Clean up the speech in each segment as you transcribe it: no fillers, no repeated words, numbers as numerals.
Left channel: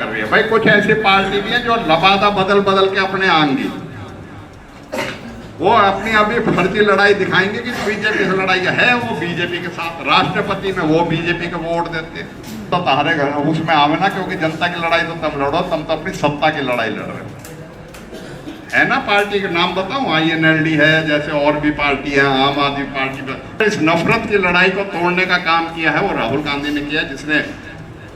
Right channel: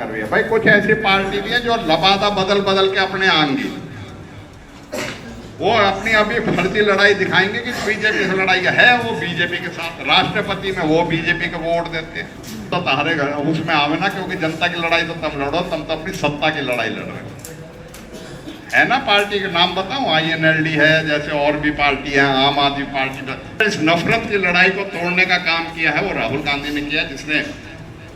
कर रही है। भाई कुछ ऐसी पार्टी भी है जो लबादा बदल बदल के अपने आएंगी, वो अपनी अभी फर्जी लड़ाई दिखाएंगे कि बीजेपी से लड़ाई है, वो बीजेपी के साथ राष्ट्रपति में वो बीजेपी को वोट देते, तो तारे घर उसमें आवे ना, क्योंकि जनता की लड़ाई तो तुम लड़ो, तुम तो अपनी सत्ता की लड़ाई लड़ रहे हो। है ना पार्टी के नाम बताऊं, INLD है, जैसे और भी पार्टी है, आम आदमी पार्टी का। इस नफरत की लड़ाई को तोड़ने का काम किया है वो राहुल गांधी ने किया, जिसने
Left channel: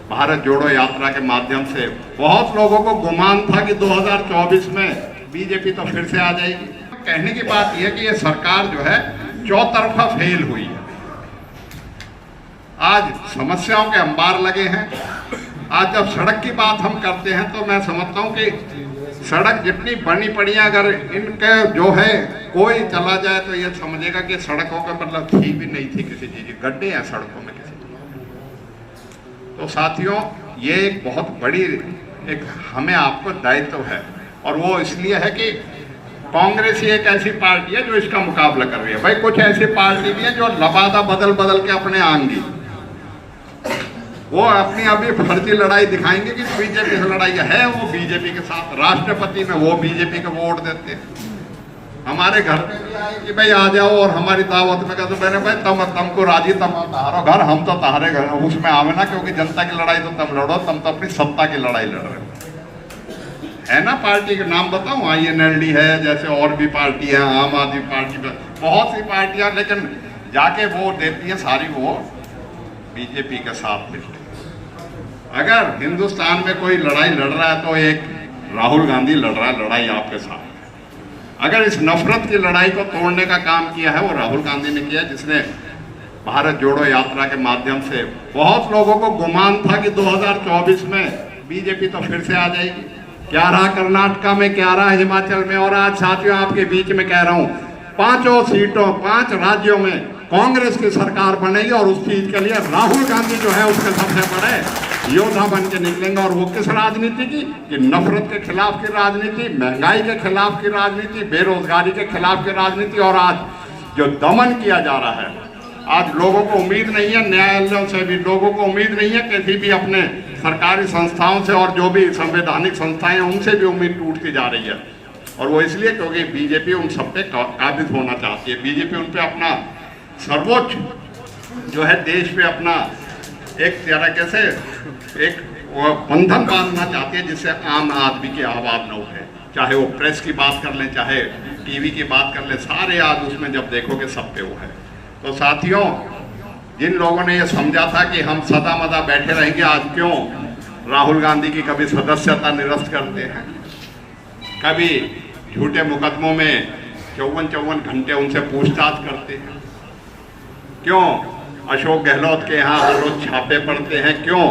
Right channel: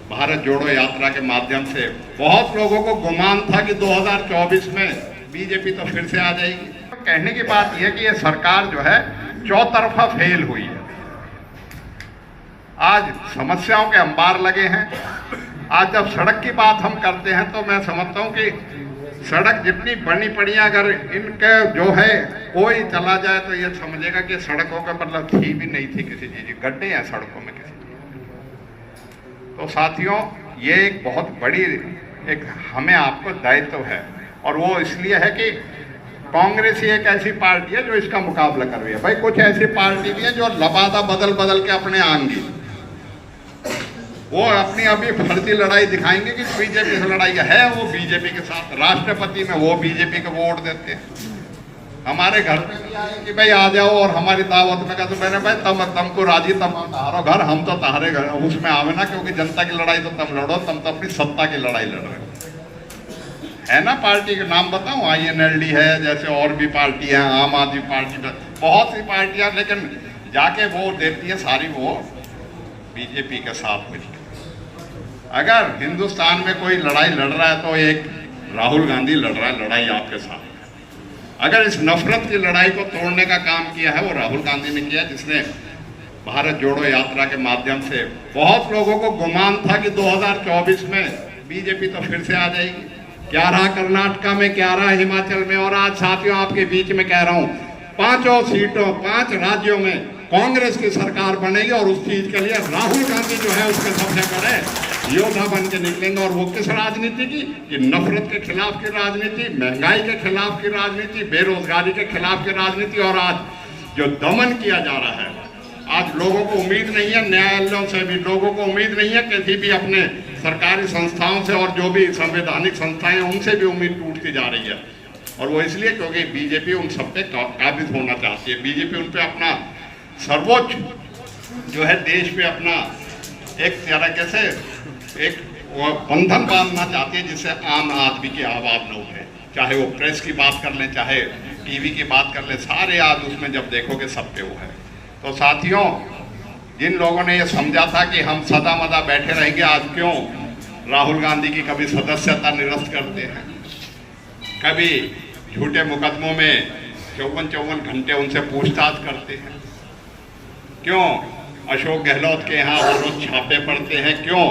भारत जोड़ो यात्रा के माध्यम से बहुत लोगों को गुमान था कि 2024 में बीजेपी तो फिर से आ जाएगी। कहने की बात यह कि ये सरकार जो है चौतरफा फेल हुई है। आज समस्याओं के अंबार लगे हैं। आज जब सड़क की बात हम करते हैं तो मैं समझता हूं कि सड़क जितनी बनी पड़ी है, अगर इनके जो है कोई चला जाए तो ये समझेगा कि सड़कों का मतलब थी भी नहीं थी किसी चीज, गड्ढे हैं सड़कों में किसी। तो साथियों, ये एक बहुत बड़ी एक हमें आपको दायित्व है, और वो इसलिए है कि कांग्रेस ही एक ऐसी पार्टी है जो इसका मुकाबला कर रही है। भाई कुछ ऐसी पार्टी भी है जो लबादा बदल बदल के अपने आएंगी, वो अपनी अभी फर्जी लड़ाई दिखाएंगे कि बीजेपी से लड़ाई है, वो बीजेपी के साथ राष्ट्रपति में वो बीजेपी को वोट देते। हमारे घर पे भी आए कि भाई आ जाओ, और हमारी दावत में कहते मैंने भाई तुमको राजी, तुम तहारो घर, हम तो तहारे घर, उसमें आवे ना, क्योंकि जनता की लड़ाई तो तुम लड़ो, तुम तो अपनी सत्ता की लड़ाई लड़ रहे हो। है ना पार्टी के नाम बताऊं, INLD है, जैसे और भी पार्टी है, आम आदमी पार्टी का, बहुत सी पार्टियां, लेकिन जाके वोट देती है सारी वो बीजेपी के साथ मिलकर। अगर हिंदुस्तान में कोई लड़ाई लड़ रहा है तो एक राहुल गांधी लड़ रहा है लड़ाई आपके साथ। अगर इस नफरत की लड़ाई को तोड़ने का काम किया है वो राहुल गांधी ने किया, जिसने भारत जोड़ो यात्रा के माध्यम से बहुत लोगों को गुमान था कि 2024 में बीजेपी तो फिर से आ जाएगी। क्या रहा कर्नाटका में, क्या रहा हिमाचल में, और आज साथियों आपके बीच में कह रहा हूं, 5 राज्यों में कांग्रेस की सरकार बनेगी, और उस चीज के लिए राहुल गांधी जो है उसके सबसे बड़े योद्धा बन के निकलेंगे। और वो किस राजनीति की, कि नफरत के खिलाफ की राजनीति, महंगाई के खिलाफ की राजनीति, बेरोजगारी के खिलाफ की राजनीति, और आज जो दमन किया जा रहा है, आज लोगों को उम्मीद नहीं है, न्यायालयों से भी लोगों को उम्मीद नहीं है, किसी भी अपने सरकारी संस्थाओं से, और जो भी संवैधानिक संस्थाएं उनसे भी उम्मीद टूटती जा रही है। और वो इसलिए क्योंकि बीजेपी उन सब पे काबिज होना चाहती है। बीजेपी उन पे अपना सर्वोच्च जो है देश पे अपना एक तरीके से एक बंधन बांधना चाहती है, जिससे आम आदमी की आवाज न उठे। चाहे वो प्रेस की बात कर ले, चाहे टीवी की बात कर ले, सारे आज उसमें जब देखोगे सब पे वो है। तो साथियों, जिन लोगों ने ये समझा था कि हम सदा मदा बैठे रहेंगे, आज क्यों राहुल गांधी की कभी सदस्यता निरस्त करते हैं, कभी झूठे मुकदमों में 54 घंटे उनसे पूछताछ करते हैं, क्यों अशोक गहलोत के यहाँ हर रोज छापे पड़ते हैं, क्यों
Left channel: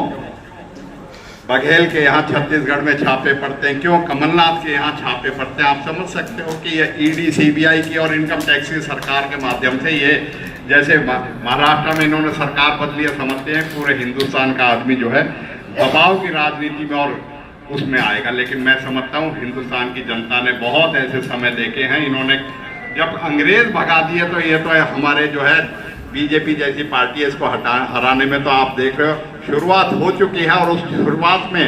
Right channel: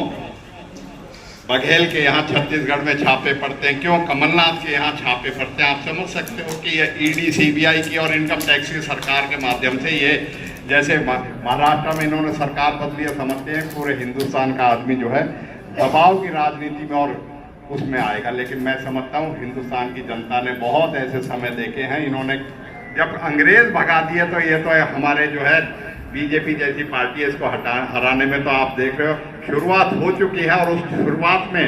बघेल के यहाँ छत्तीसगढ़ में छापे पड़ते हैं, क्यों कमलनाथ के यहाँ छापे पड़ते हैं। आप समझ सकते हो कि ये ED CBI की और इनकम टैक्स की सरकार के माध्यम से, ये जैसे महाराष्ट्र में इन्होंने सरकार बदली है, समझते हैं पूरे हिंदुस्तान का आदमी जो है दबाव की राजनीति में और उसमें आएगा। लेकिन मैं समझता हूँ हिंदुस्तान की जनता ने बहुत ऐसे समय देखे हैं, इन्होंने जब अंग्रेज भगा दिए, तो ये तो हमारे जो है बीजेपी जैसी पार्टी है, इसको हराने में तो आप देख रहे हो शुरुआत हो चुकी है, और उस शुरुआत में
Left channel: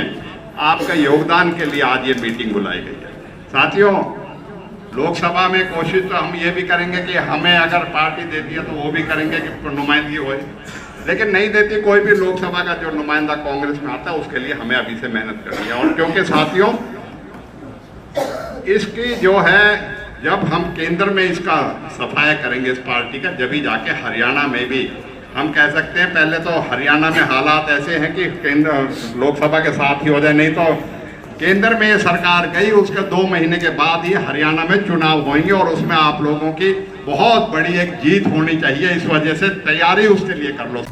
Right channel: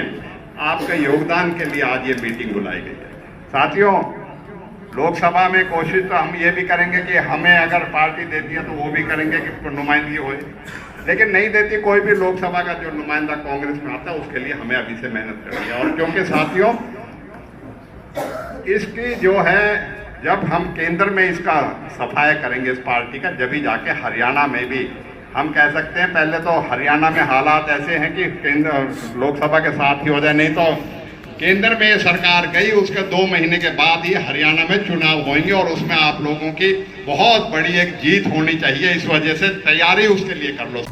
आपके योगदान के लिए आज ये मीटिंग बुलाई गई है। साथियों, लोकसभा में कोशिश तो हम ये भी करेंगे कि हमें अगर पार्टी देती है तो वो भी करेंगे कि नुमाइंदगी हो, लेकिन नहीं देती कोई भी लोकसभा का जो नुमाइंदा कांग्रेस में आता है, उसके लिए हमें अभी से मेहनत करनी है। और क्योंकि साथियों, इसकी जो है जब हम केंद्र में इसका सफाया करेंगे इस पार्टी का, जब ही जाके हरियाणा में भी हम कह सकते हैं। पहले तो हरियाणा में हालात ऐसे हैं कि केंद्र लोकसभा के साथ ही हो जाए, नहीं तो केंद्र में ये सरकार गई, उसके 2 महीने के बाद ही हरियाणा में चुनाव होंगे, और उसमें आप लोगों की बहुत बड़ी एक जीत होनी चाहिए। इस वजह से तैयारी उसके लिए कर लो।